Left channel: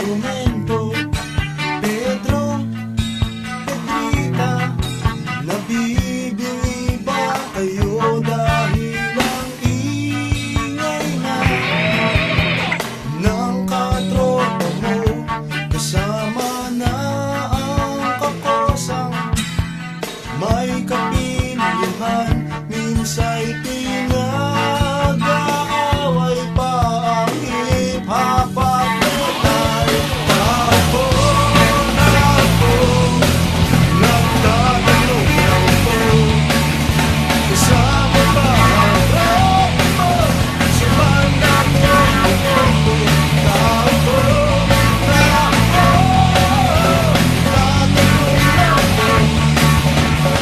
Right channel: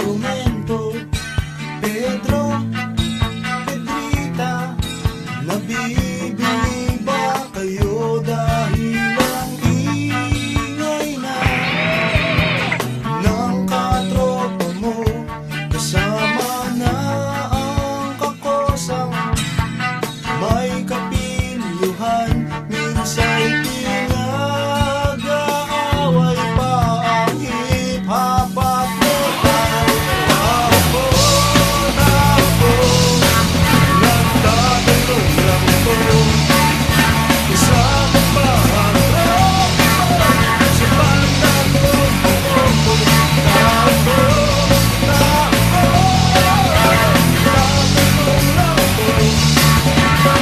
instrumento. Pedro, Pedrita, nabibili ba kayo dahil ang ingay na ng katropa mo? Kasama na ang kakosang may kapilyuhan, minsa'y pinag-aaway pa ang hip-hop at metal. Takbo, takbo, nagtatanong lang po, kasama ba ang tropa mo sa banda ko? Takbo, takbo, nagtatanong lang po,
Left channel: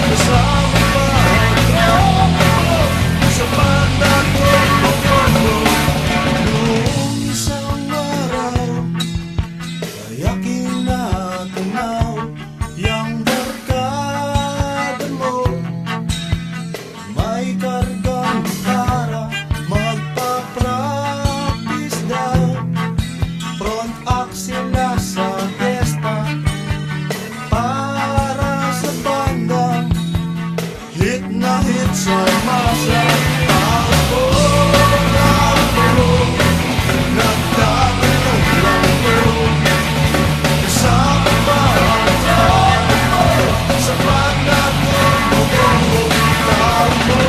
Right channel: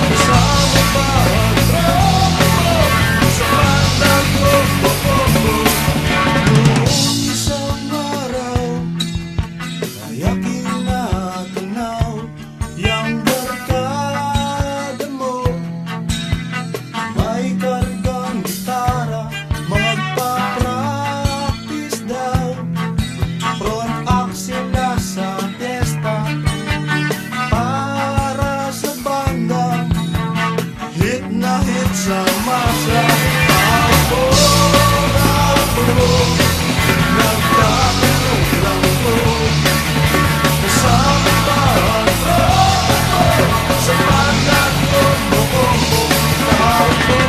kasama ba ang tropa mo sa banda ko? Noong isang araw ay aking natanaw yang barkada mo, may kargang gitara, magpa-practice daw, front axle na sa testa para sa banda, hit na hit sa masa. Takbo, takbo, nagtatanong lang po, kasama ba ang tropa mo sa banda ko? Takbo,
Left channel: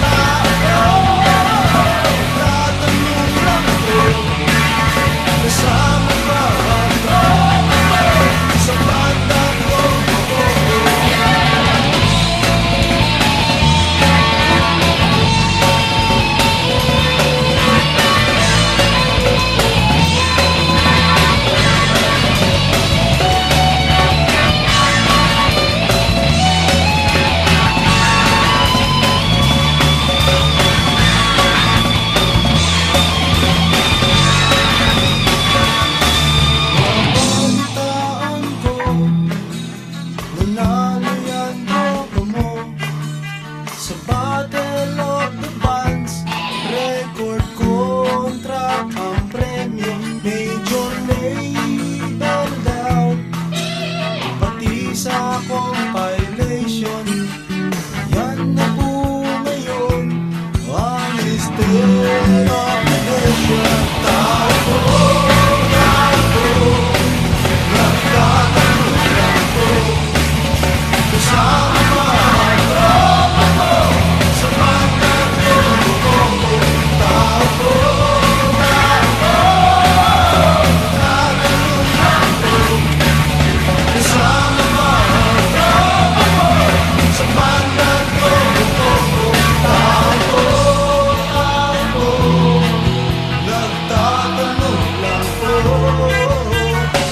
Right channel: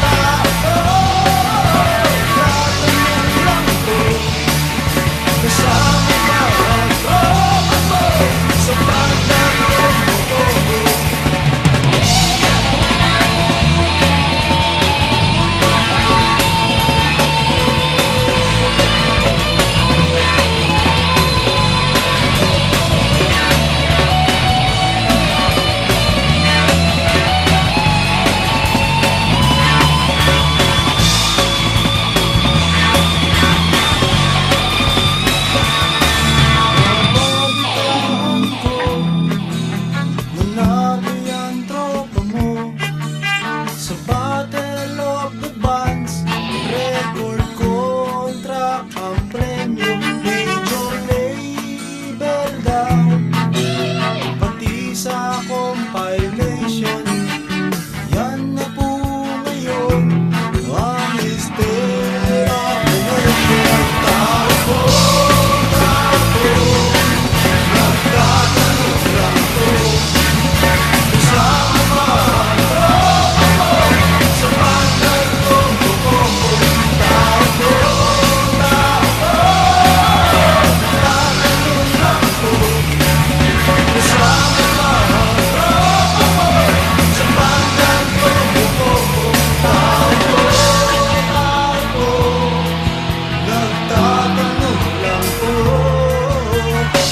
takbo, nagtatanong lang po, kasama ba ang tropa mo sa banda ko? Nabalitaan ko, nanalo yan tropa mo sa Battle of the Bands. Record contract ang premyo, major label daw, pati sa compilation. Yan na po ngayon ang history of the nation. Takbo, takbo, nagtatanong lang po, kasama ba ang tropa mo sa banda ko? Takbo, takbo, nagtatanong lang po, kasama ba ang tropa mo sa banda ko? Takbo, takbo, nagtatanong lang po,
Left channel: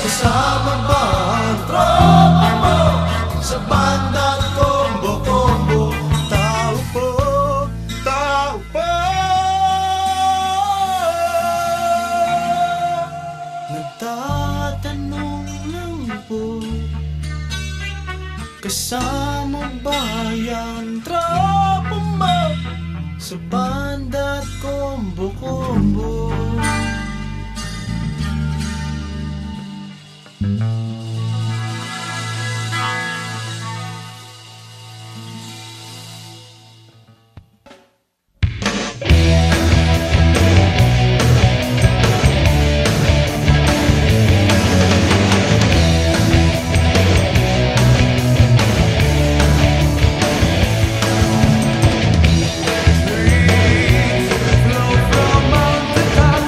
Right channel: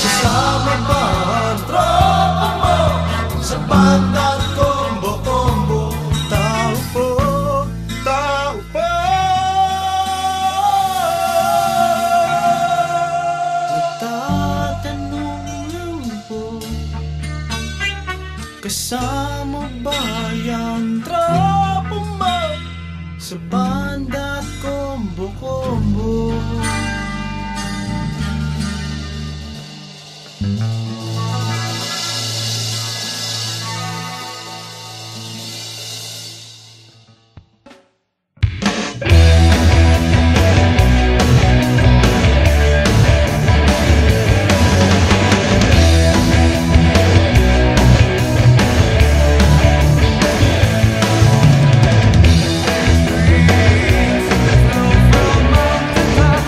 kasama ba ang tropa mo sa banda Combo-Combo? Tao po, tao po, nagtatanong lang po, kasama ba yan tropa mo sa banda Combo-Combo? Dreams flow from mountain tops.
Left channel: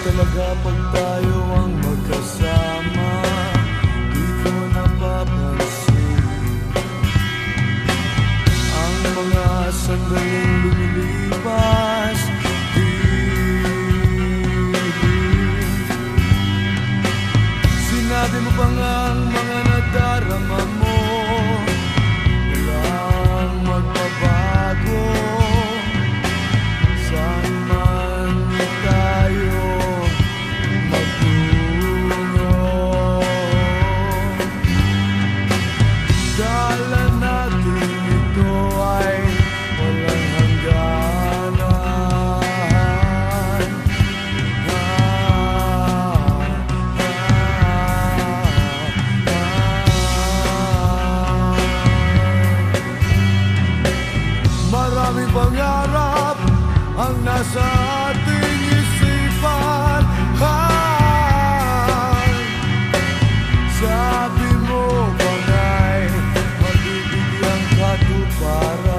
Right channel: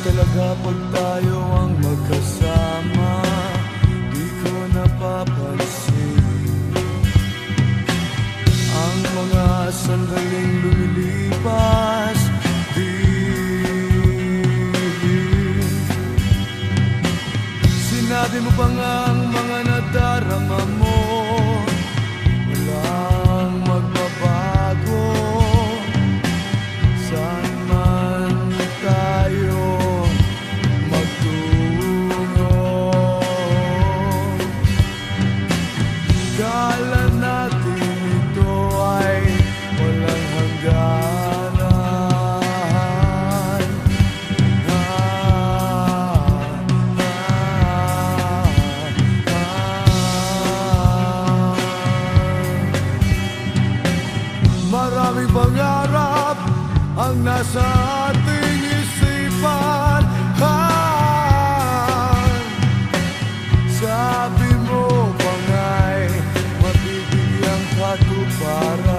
talaga pag tayo ang magkasama, di ko napapansin ang mga sandaling lumilipas. Sinabi mo pa nga ang mga nadarama mo, walang magbabago. Saan man tayo magtungo, kala natin ito ay walang hangganan. Maraming pangarap ang nasa ating isipan. Sabi mo pa nga'y mabibigyang katuparan,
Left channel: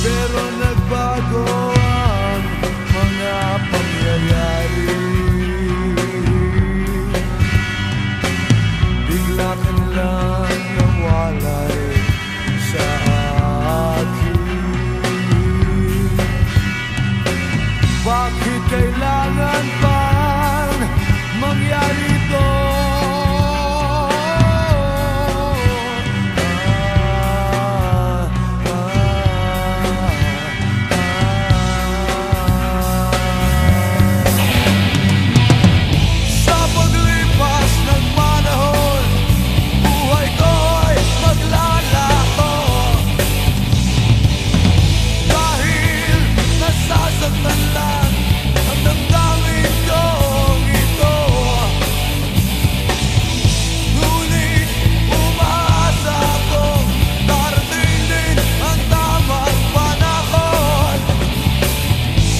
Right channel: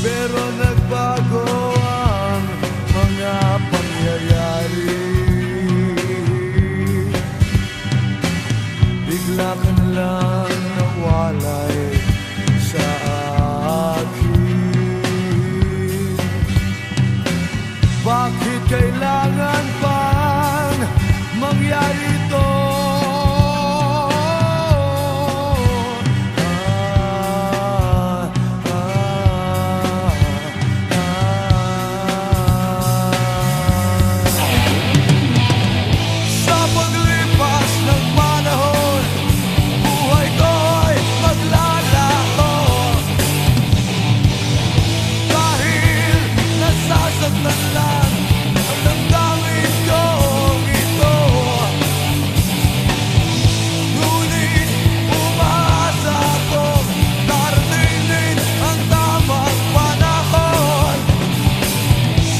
pero nagbago ang mga pangyayari. Bigla ka na lang nawalay sa akin. Bakit kailangan pang mangyari ito? Sa paglipas ng panahon, buhay ko'y maglalaho. Dahil nasasaktan lang ang damdamin kong ito, ngunit umaasa akong darating din ang tamang panahon.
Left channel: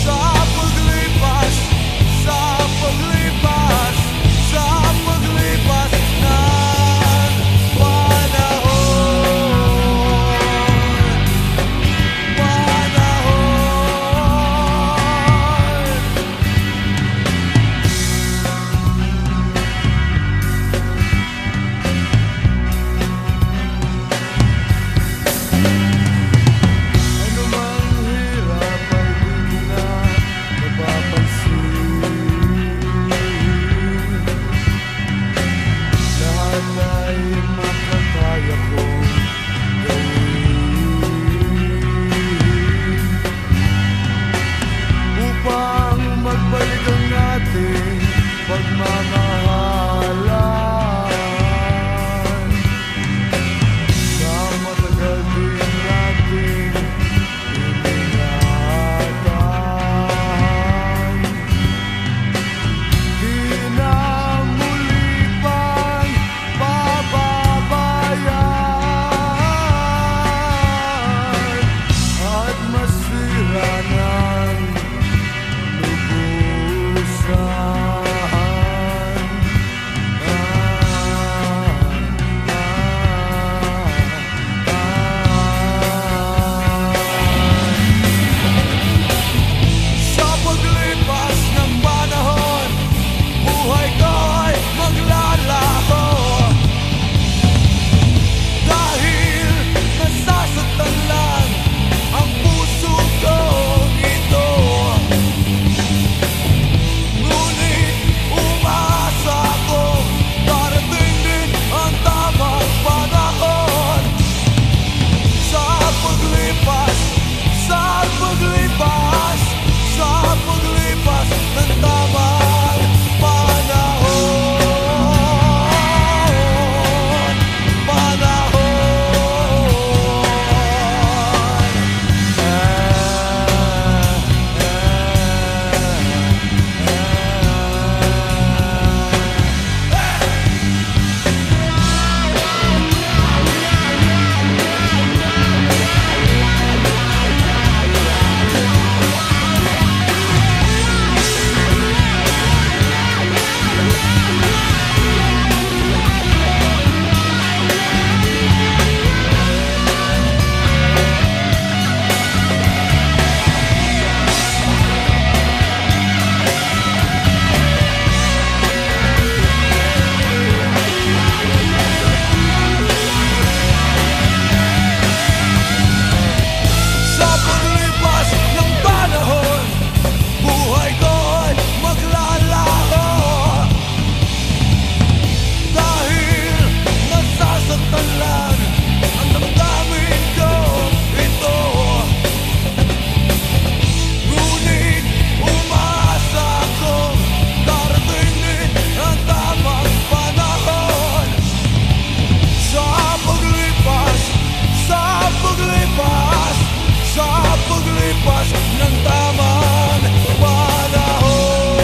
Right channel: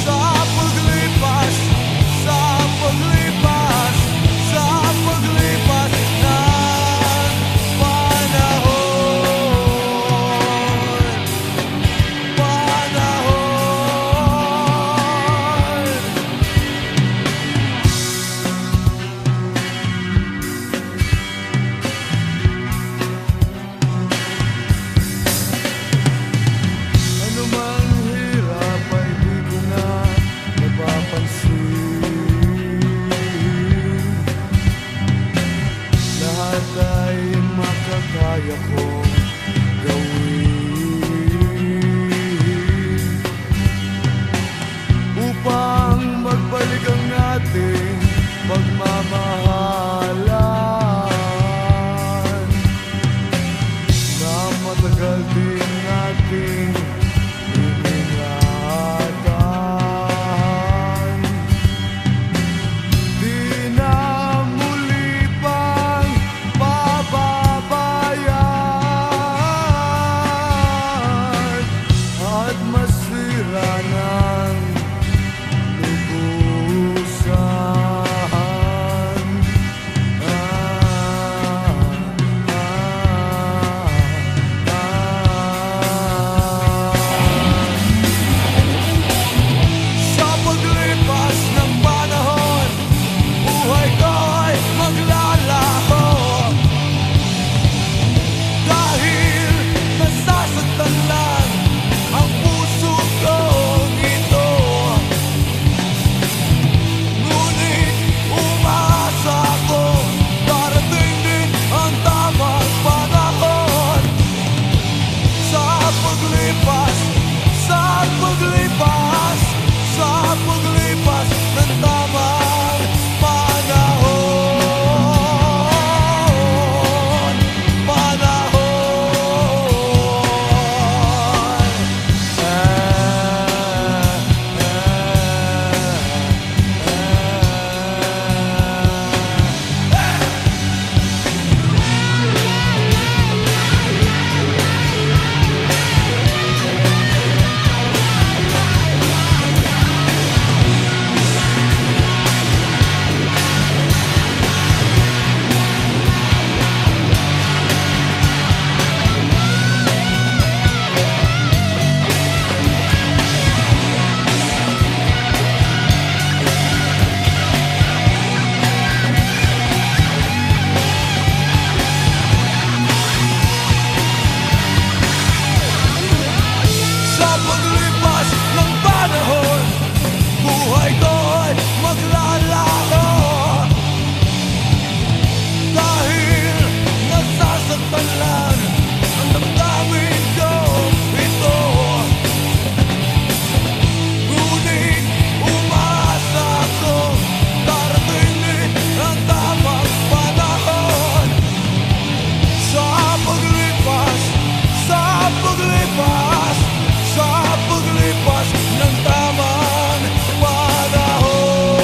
Sa paglipas, sa paglipas, sa paglipas ng panahon. Ano mang hirap ay di ko na napapansin. Lahat ay makakaya kong gawin upang magbalik ang ating pagmamahalan na matagal din nating iningatan. Di na muli pang pababayan at masira ng lubusan. ng tamang panahon.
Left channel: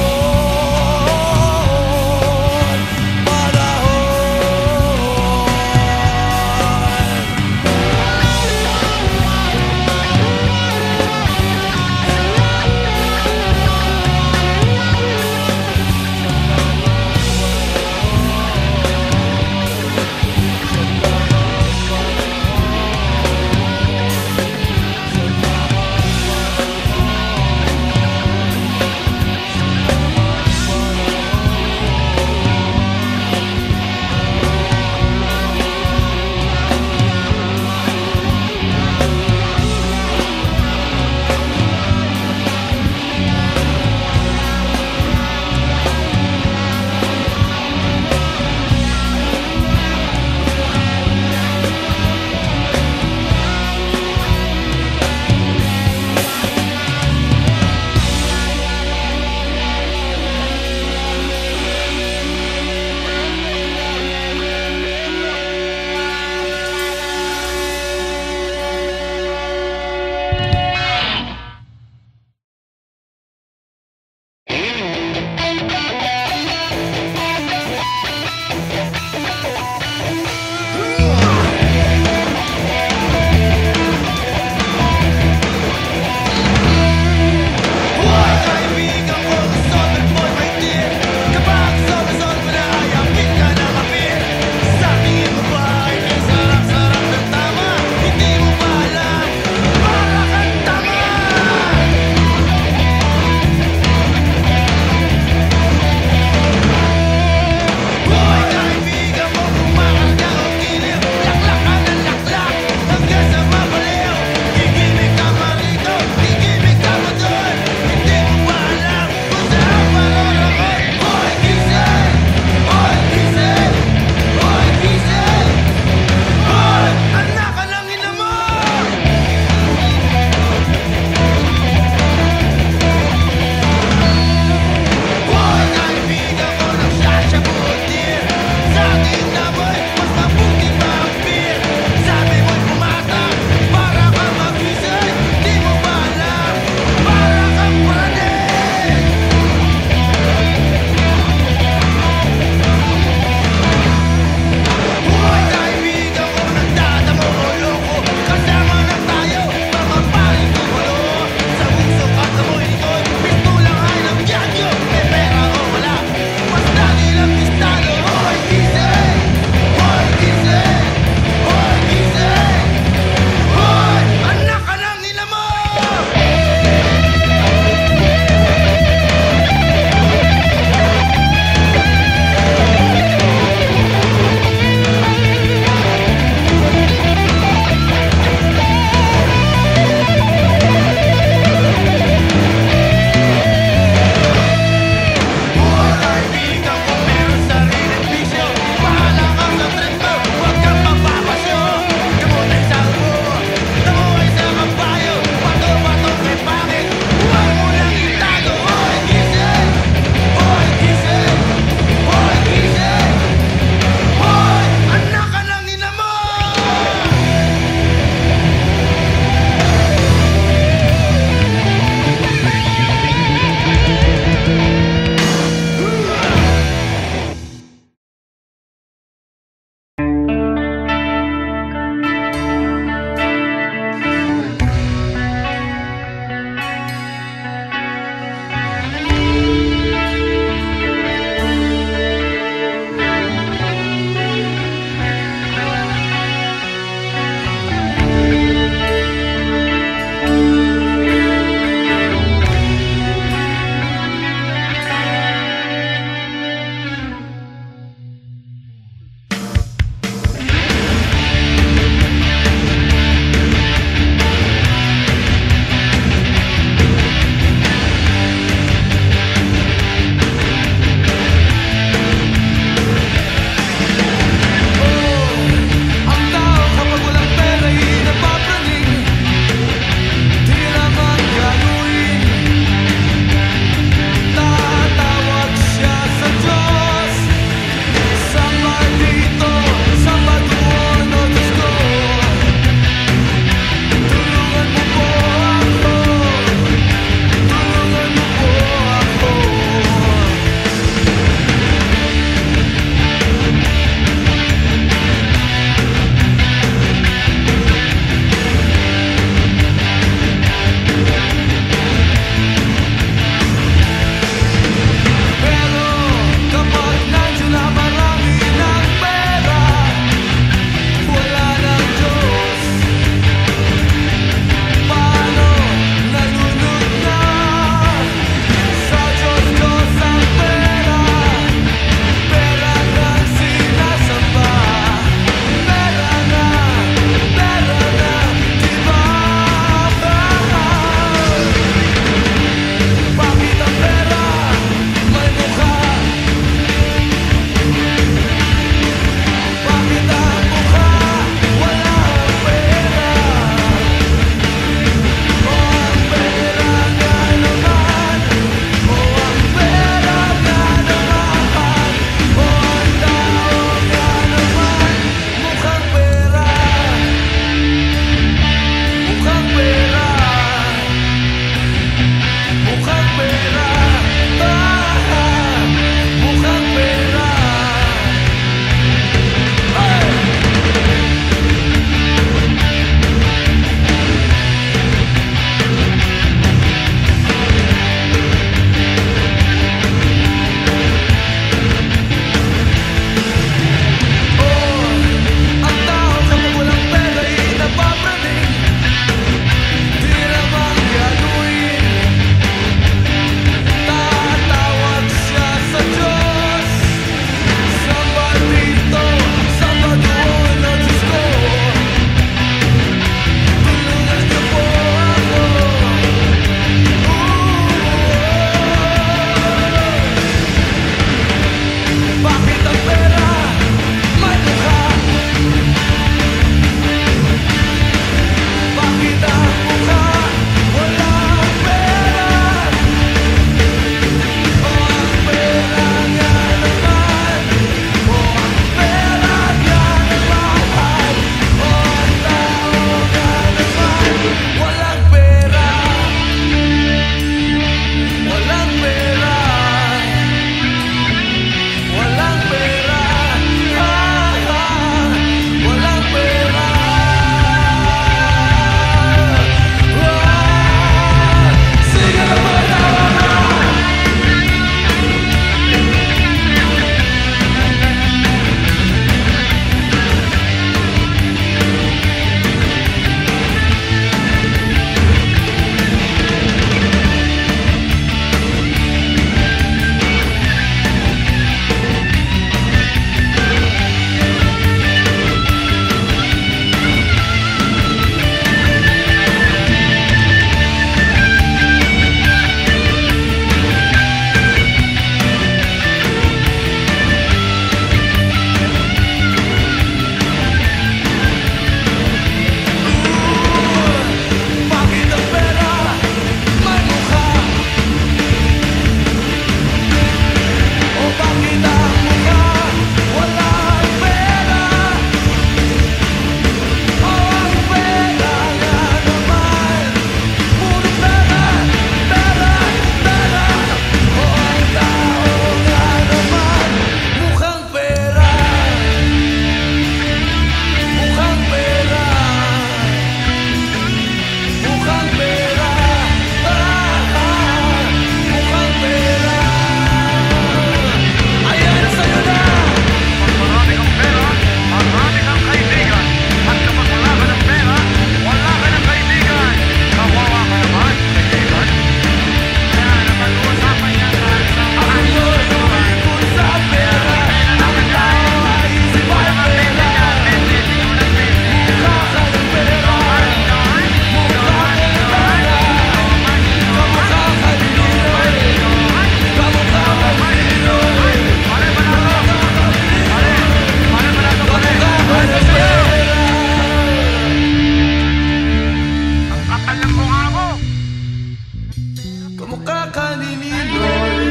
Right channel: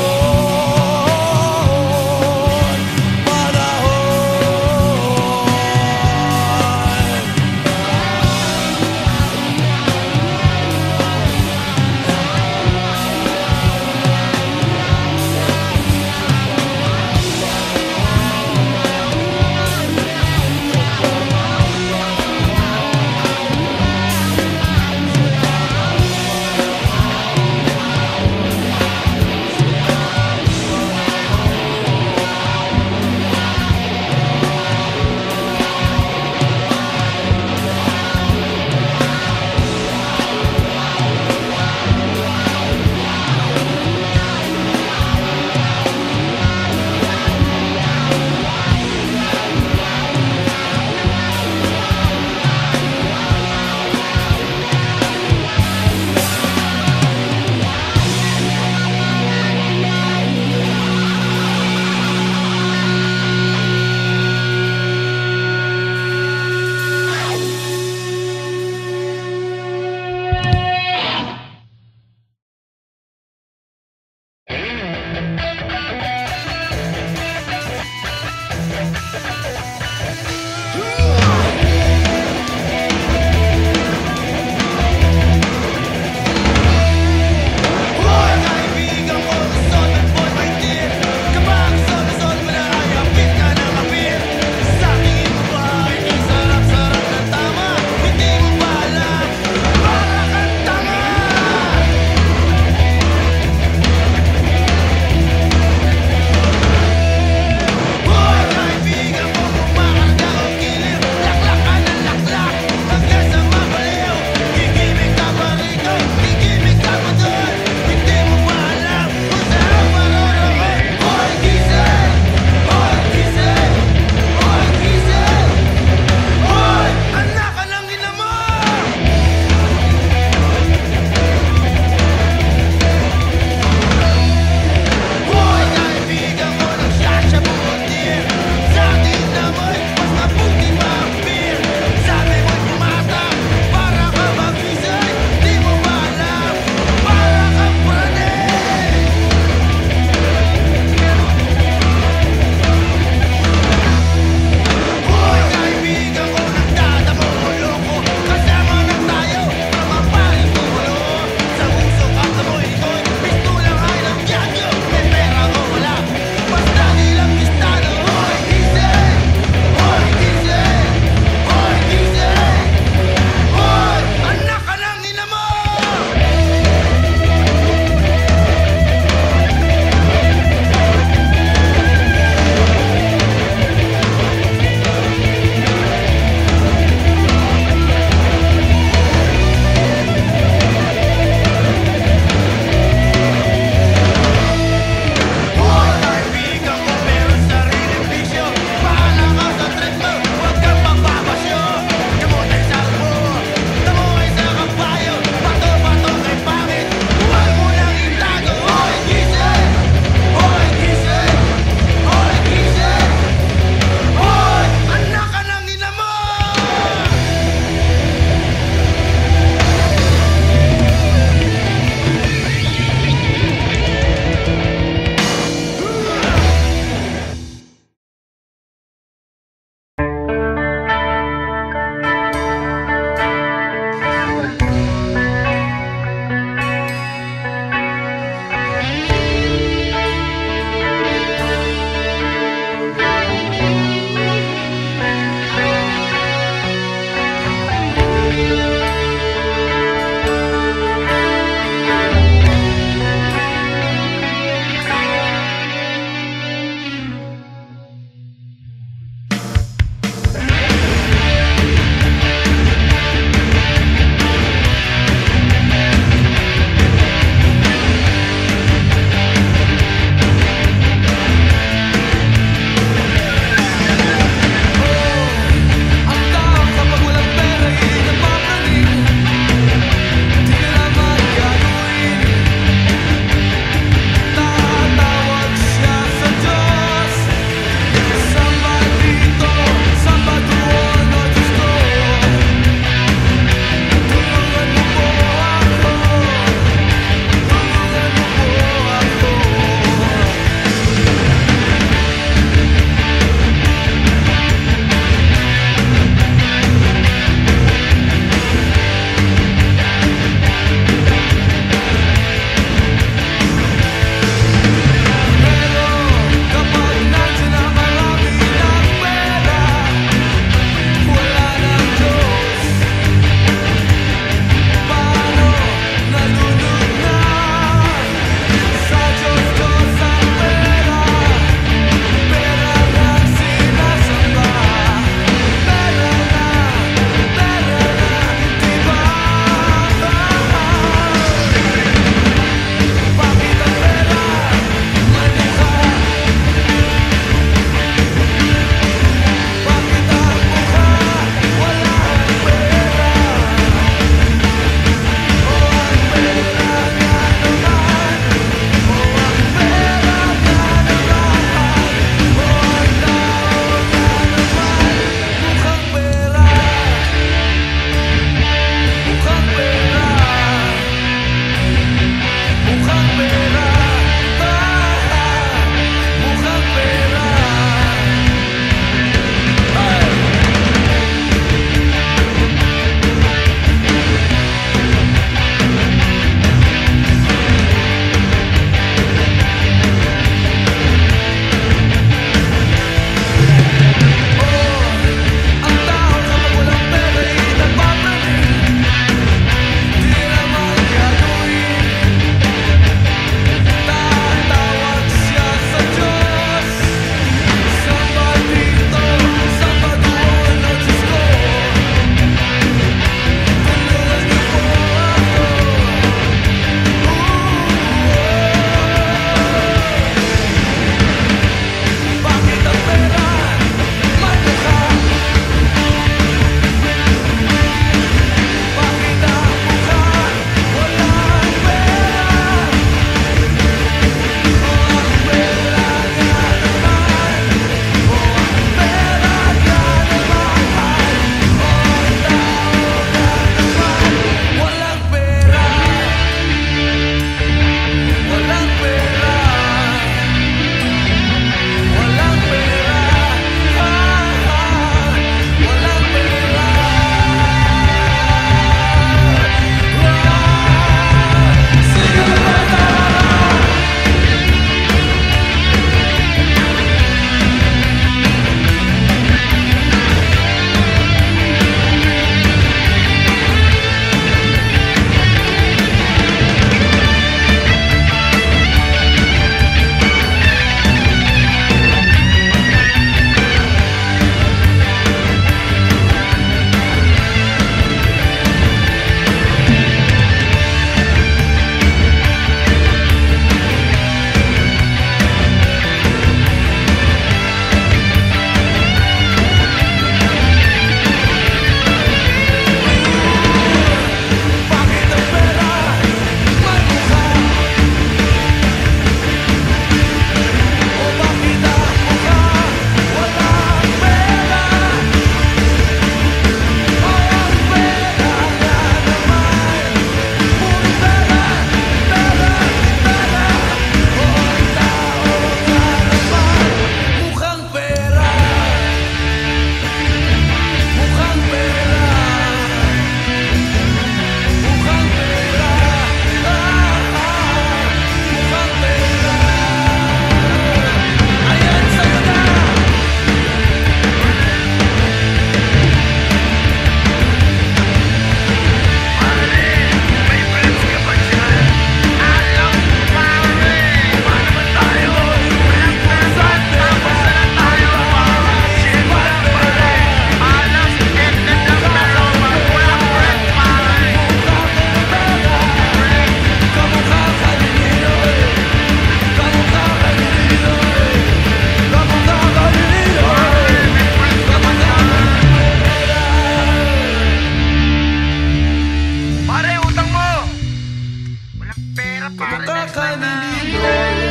Kamukha ka ni Ninoy,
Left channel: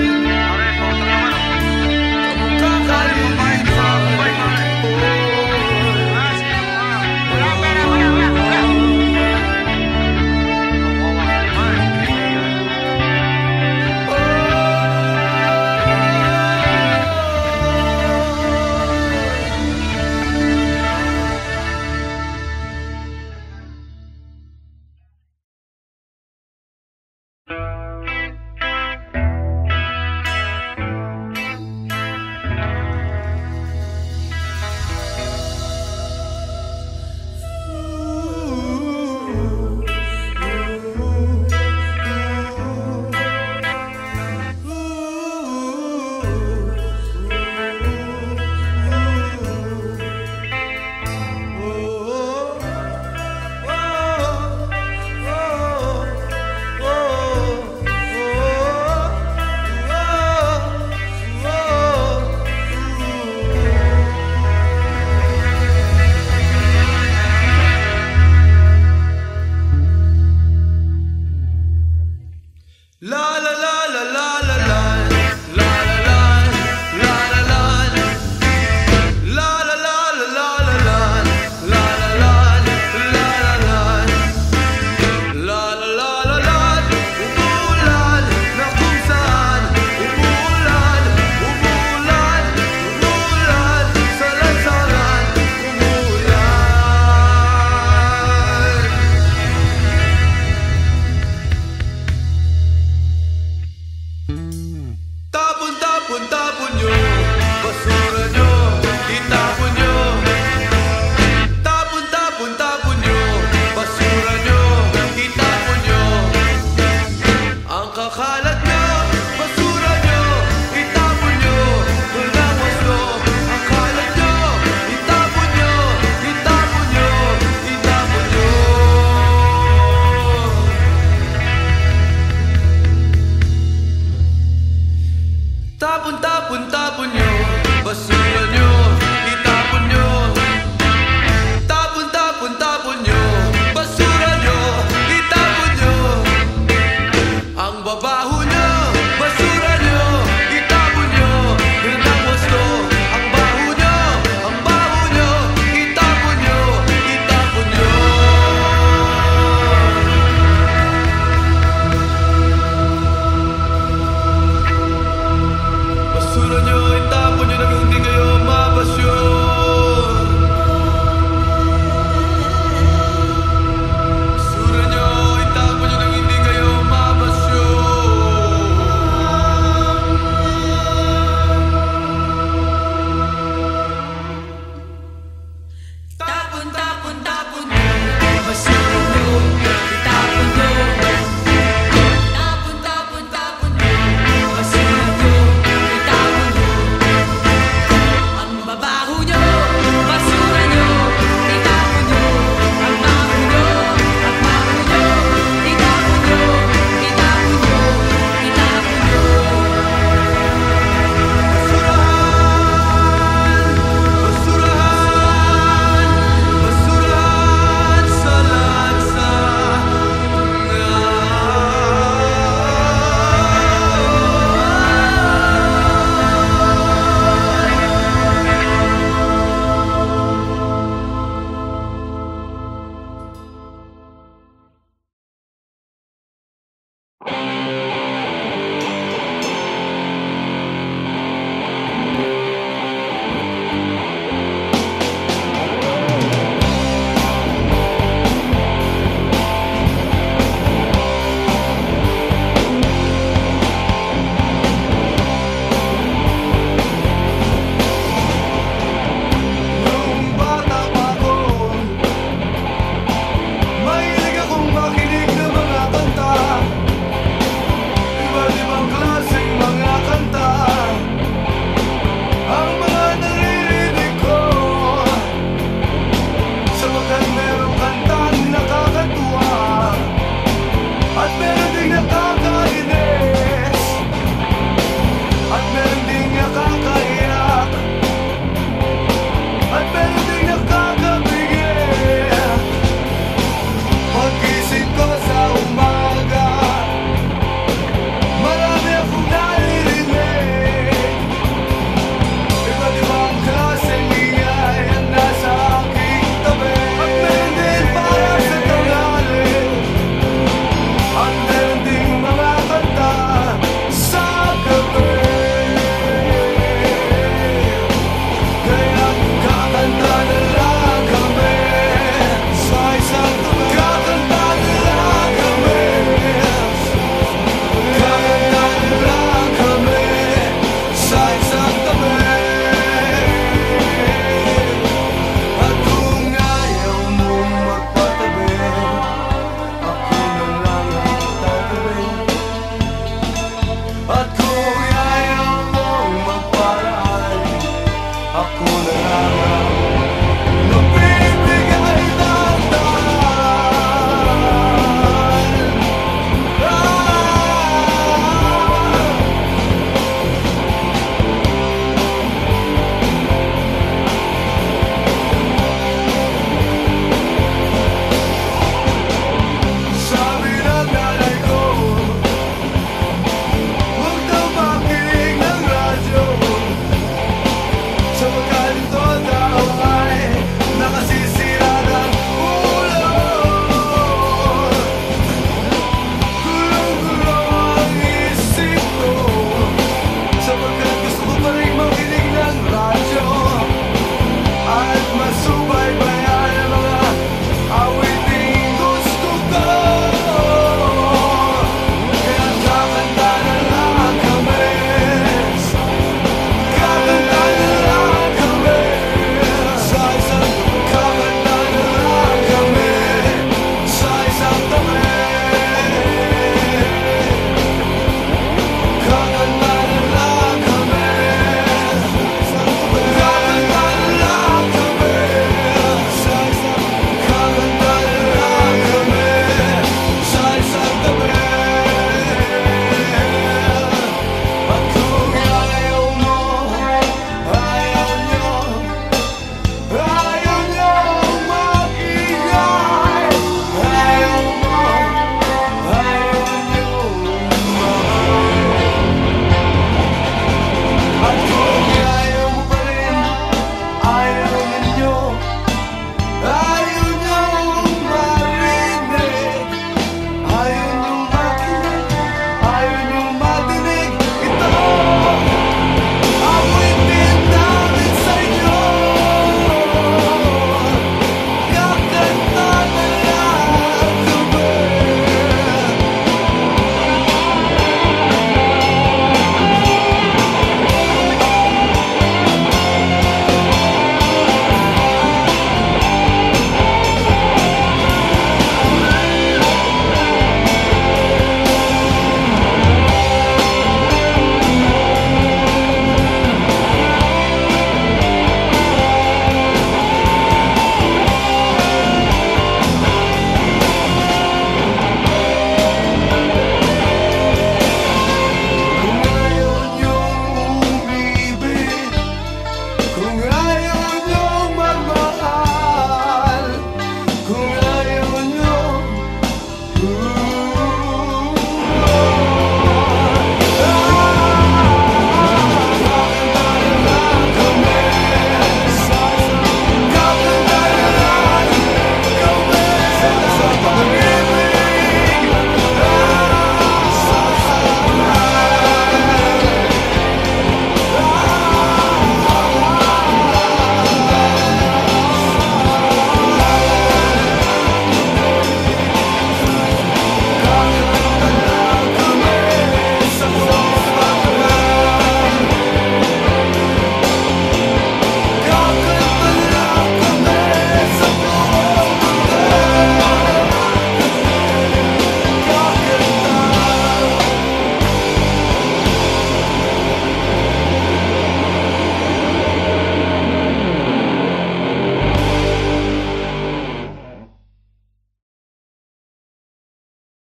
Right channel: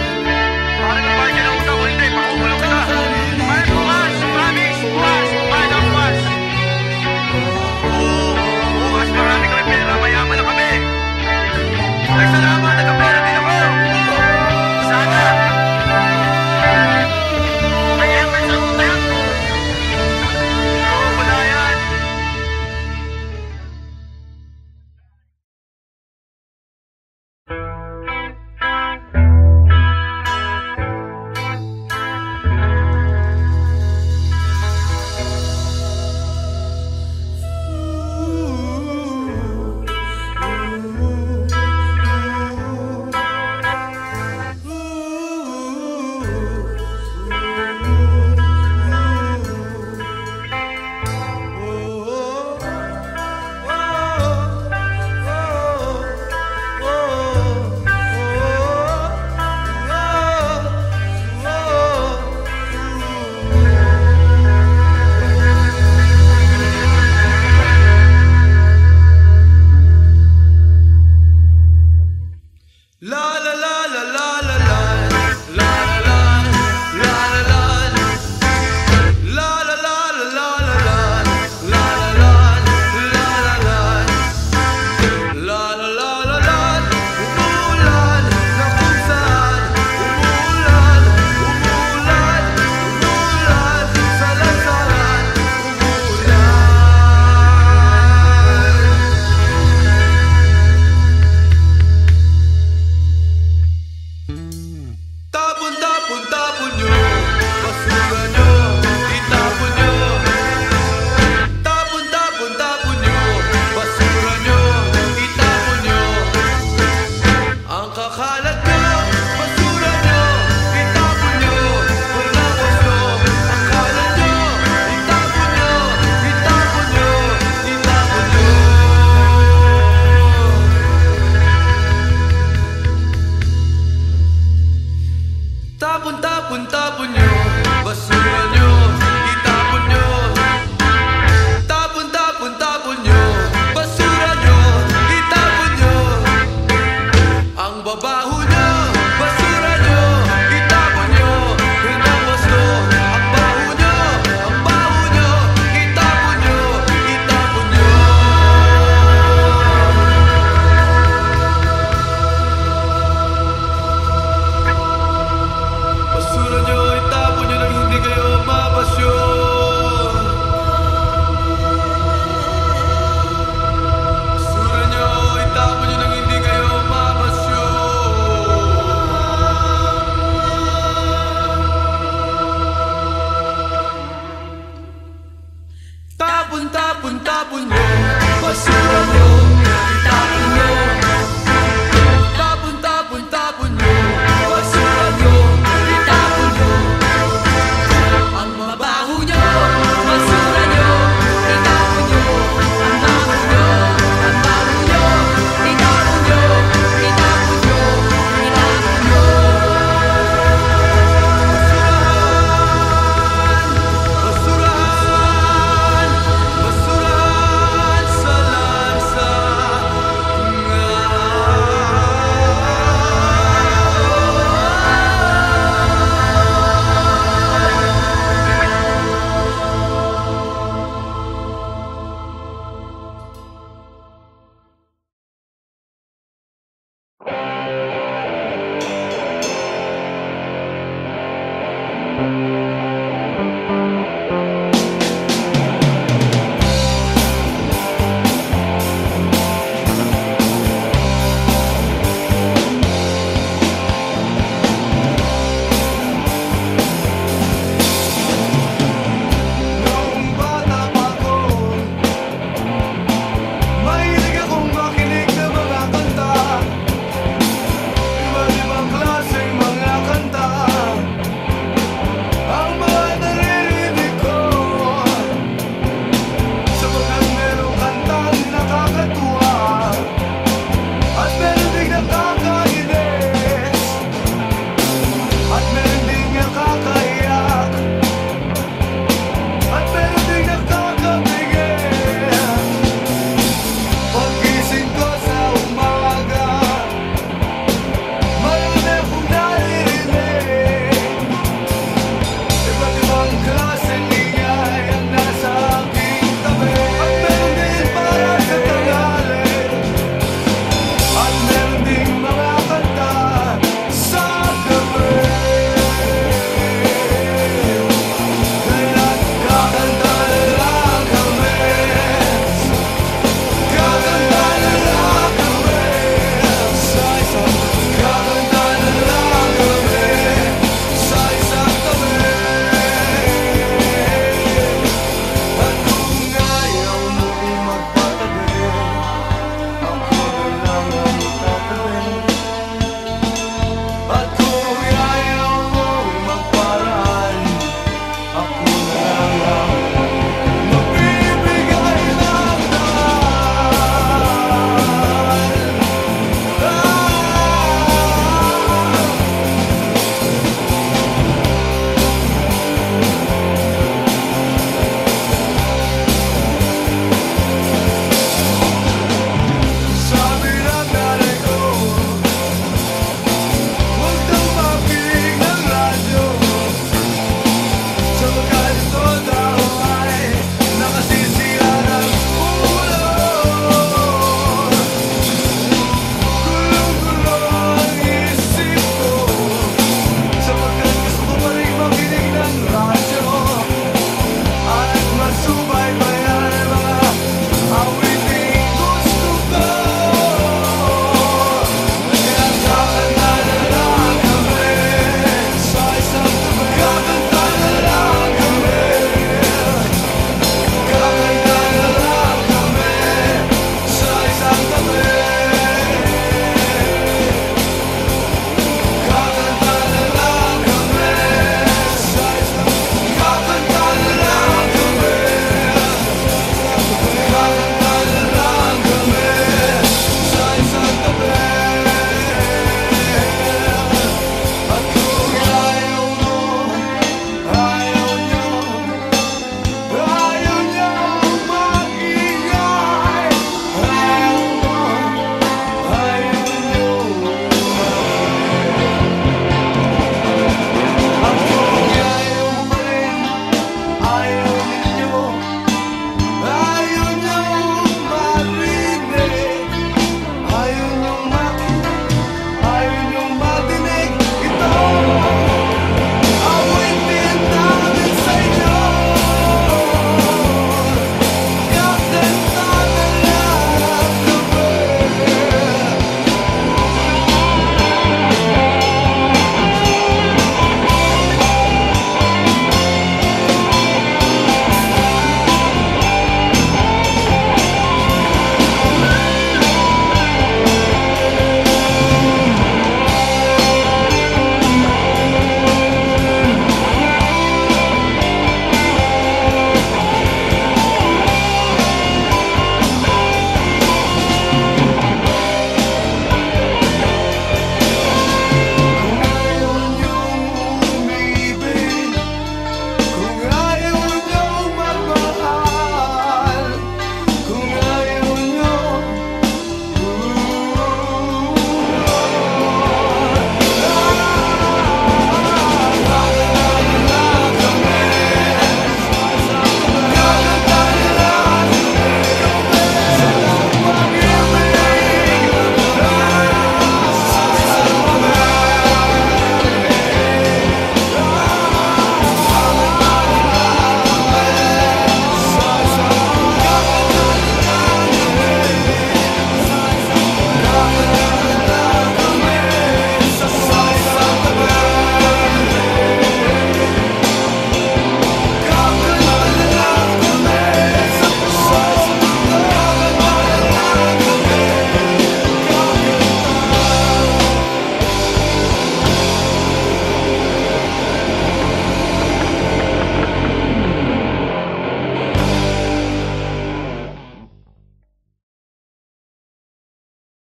kamukha ka ni Ninoy. Tapon nyo, basura nyo, itapon nyo. Tapon nyo, basura nyo, itapon nyo. Ang kakalat nyo, basura nyo, itapon nyo. Walang wasto, ang kalat nyo, itapon nyo, itapon nyo, itapon nyo. Tapon nyo, basura nyo, itapon nyo. Tapon nyo, basura nyo, itapon nyo. Ang babaho nyo, basura nyo, itapon nyo. Yun ang wasto, ang baho nyo, itapon nyo, itapon nyo. Basura nyo, itapon nyo nang hindi kayo mapasyon. Basura nyo, itapon nyo nang hindi kayo mapasyon. Tapon nyo, basura nyo, itapon nyo. Tapon nyo, basura nyo, itapon nyo. Ang babaho nyo, basura nyo, itapon nyo. Ang baho nyo, itapon nyo, itapon nyo, itapon nyo. Basurahan sa lansa. Mahilig akong makinig ng mga kanta, iba't ibang klase.